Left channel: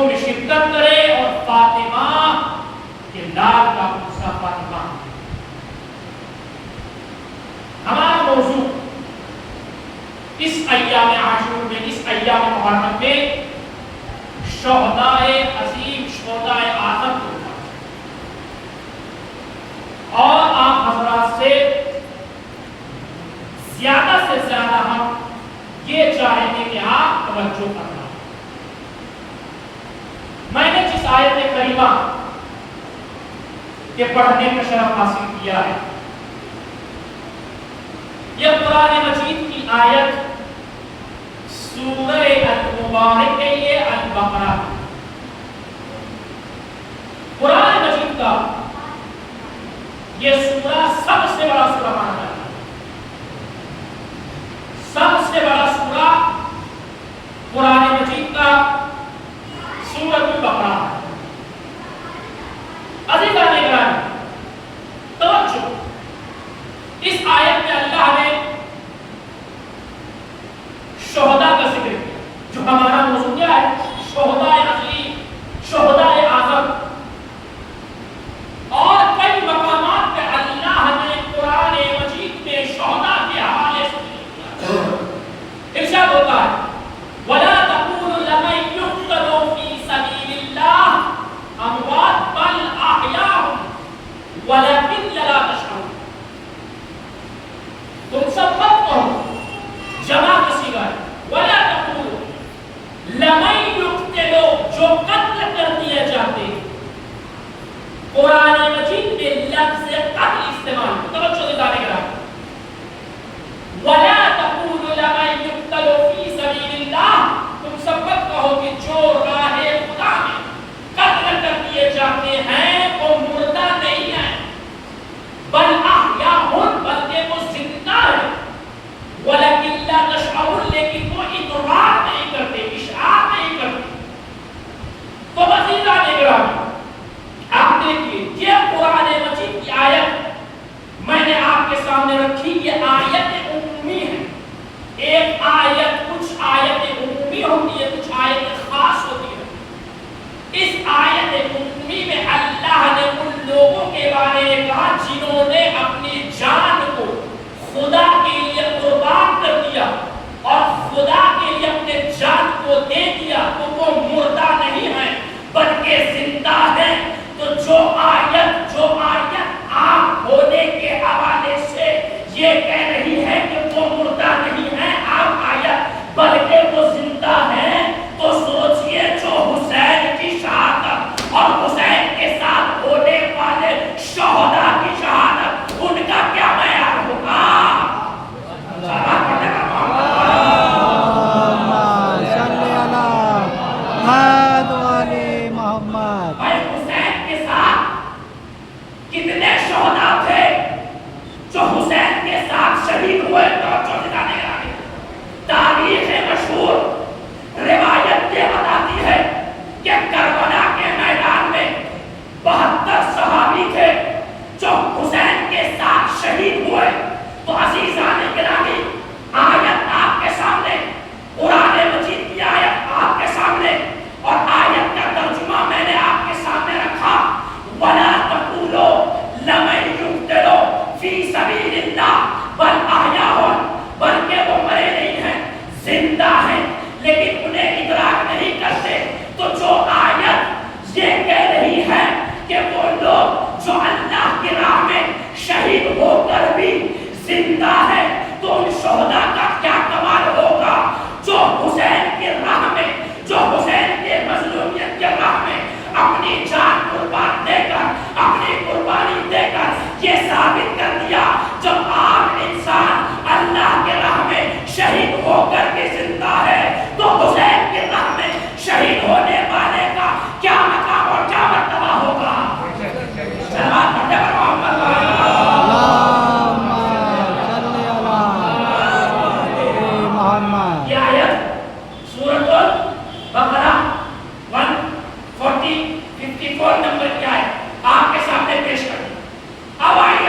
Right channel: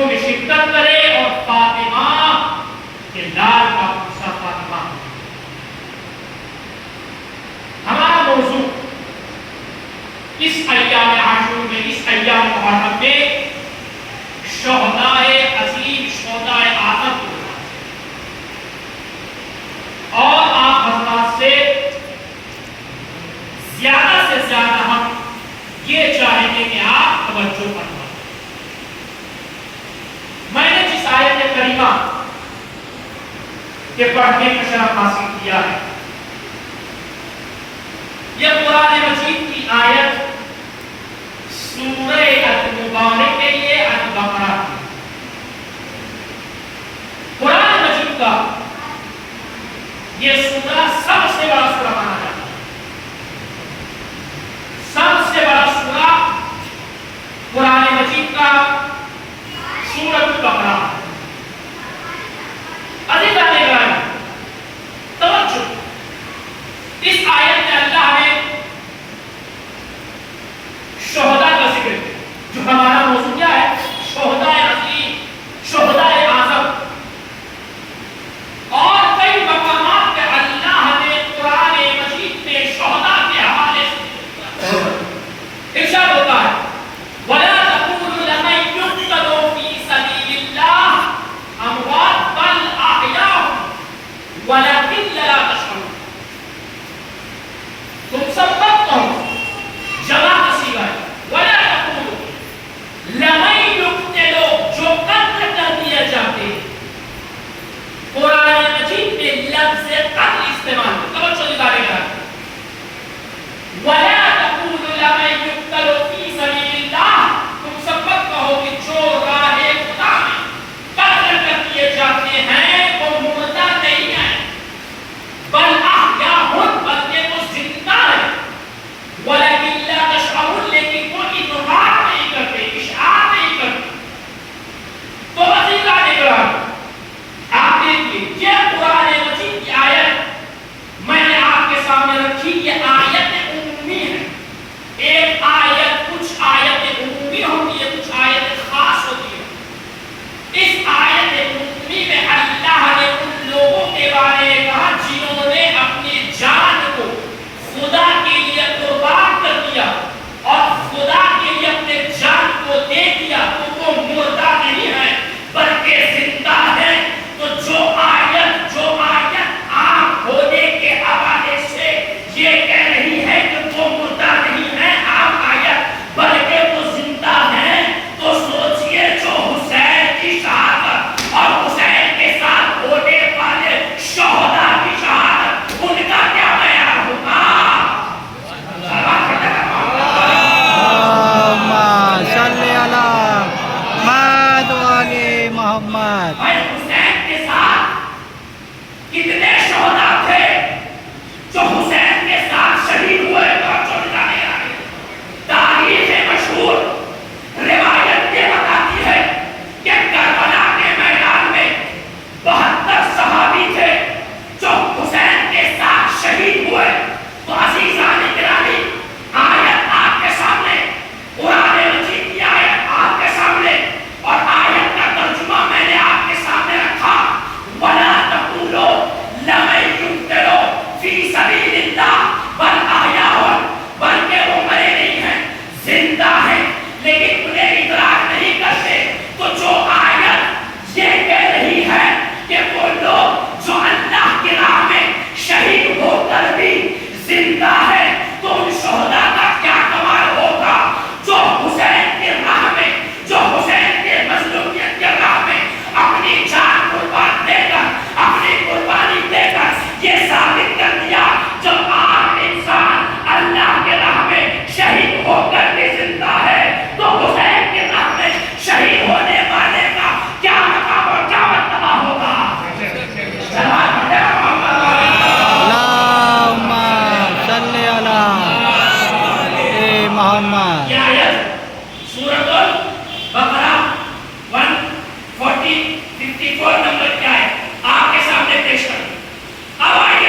جلوسوں میں شرکت کرے اور فاطمہ کے لال کا قصہ فاطمہ. ہمارا موضوع اس ایام عاشور میں، اس ایام محرم میں شہدائے عظیم، شہدائے اعظم کو، اور آپ حضرات سے زیادہ ہم یہ چاہیں گے کہ آپ توجہ فرمائیں. میں نے جس آیت کریمہ کے پڑھنے کا شرف حاصل کیا ہے، یہ قرآن مجید کی آیت سورہ المبارک کے لیے البقرہ کی. قرآن مجید کا یہ سورہ سب سے بڑا سورہ مانا جاتا ہے. سب سے بڑا سورہ قرآن مجید کا سورۃ البقرہ ہے. عزیزان گرامی، توجہ، اس آیت میں اللہ نے شہداء کا ذکر کیا، جو ہمارا موضوع کیا ہے؟ شہدائے عظیم، شہدائے اعظم. اور کئی مقامات پہ اللہ نے قرآن مجید میں شہداء کے حوالے سے ارشاد ہوتا ہے وَلَا تَقُولُوا لَمَن يُقْتَلُ فِي سَبِيلِ اللَّهِ أَمْوَاتٌ بَلْ أَحْيَاءٌ وَلَكِنْ لَا تَشْعُرُونَ. تم سب مت کہو، جمع کا صیغہ ہے، وَلَا تَقُولُوا لَمَن يُقْتَلُ، جو قتل کر دیے جاتے. قرآن مجید میں لفظ قتل استعمال ہے. توجہ دلانے کا وَلَا تَقُولُوا لَمَن يُقْتَلُ فِي سَبِيلِ اللَّهِ، تم سب مت کہو کہ جو راہ خدا میں قتل کر دیے جاتے ہیں وہ مردہ نہیں ہیں، بل احیاء، بلکہ وہ زندہ ہیں. وَلَكِنْ لَا تَشْعُرُونَ، لیکن وہ ادراک نہیں کرتے، اشعار نہیں کرتے. تو عزیزان گرامی، آپ دیکھیے یہ قرآن مجید کی آیت میں نے آپ کے سامنے رکھی. یہ آیت عمومی ہے. ایک آیت، کچھ آیت عمومی ہوتی ہے، کچھ آیت خاص ہوتی ہے. اس آیت عمومی میں اللہ نے ان لوگوں کے بارے میں کہا جنہوں نے اپنی جان کو خدا کے لیے قربان کر دیا اور خدا کے لیے اپنے جان کو دے دیا، تو وہ مردہ نہیں ہے بلکہ زندہ ہے. تو جو آیت عام ہونے کے حوالے سے یہ کہہ رہی ہے کہ وہ مردہ نہیں ہے، عام آیت، بلکہ وہ زندہ ہے. تو سوچئے جو حسین کی شہادت اور حسین کے ساتھ ہونے والے شہداء کی شہادت، ان کا کیا معیار ہوگا؟ محمد حسین کے ساتھ کتنے شہداء تھے جو حسین کے ساتھ شہید ہوئے؟ تاریخ مشہور روایت یہ بتاتی ہے کہ کربلا کے میدان میں 72 صحابی تھے جو حسین کے ساتھ شہید ہوئے. تو عزیزان گرامی، آیت آپ کے سامنے، قرآن مجید کی آیت آپ کے سامنے، اور آیت کا ترجمہ میں نے آپ کے سامنے رکھا. وَلَا تَقُولُوا لَمَن يُقْتَلُ فِي سَبِيلِ اللَّهِ بَلْ أَحْيَاءٌ، بلکہ وہ مرے نہیں ہیں، زندہ ہیں، لیکن انہیں ادراک نہیں کرتے. تو جو آیت یہ کہہ رہی ہے کہ وہ لوگ جو اللہ کی راہ میں شہید ہو کر بھی زندہ ہے، تو ان شہداء کا کیا کمال ہوگا جو حسین کے راہ میں، جو حسین کے مظلومیت کے راہ میں اپنی جان قربان دے کر، اپنی قربانی دے کر یہ ثابت کر دیا. جب عام انسان اللہ کے راہ میں شہید ہو کر بھی زندہ ہے، تو حسین کے راہ میں شہید ہونے والے کا کیا مقام اور کیا مرتبہ ہوگا؟ اللہم صلی علی محمد. یہ آیت سورۃ البقرہ 140 54 نمبر کی آیت آپ کے سامنے پیش کروں. اب آیت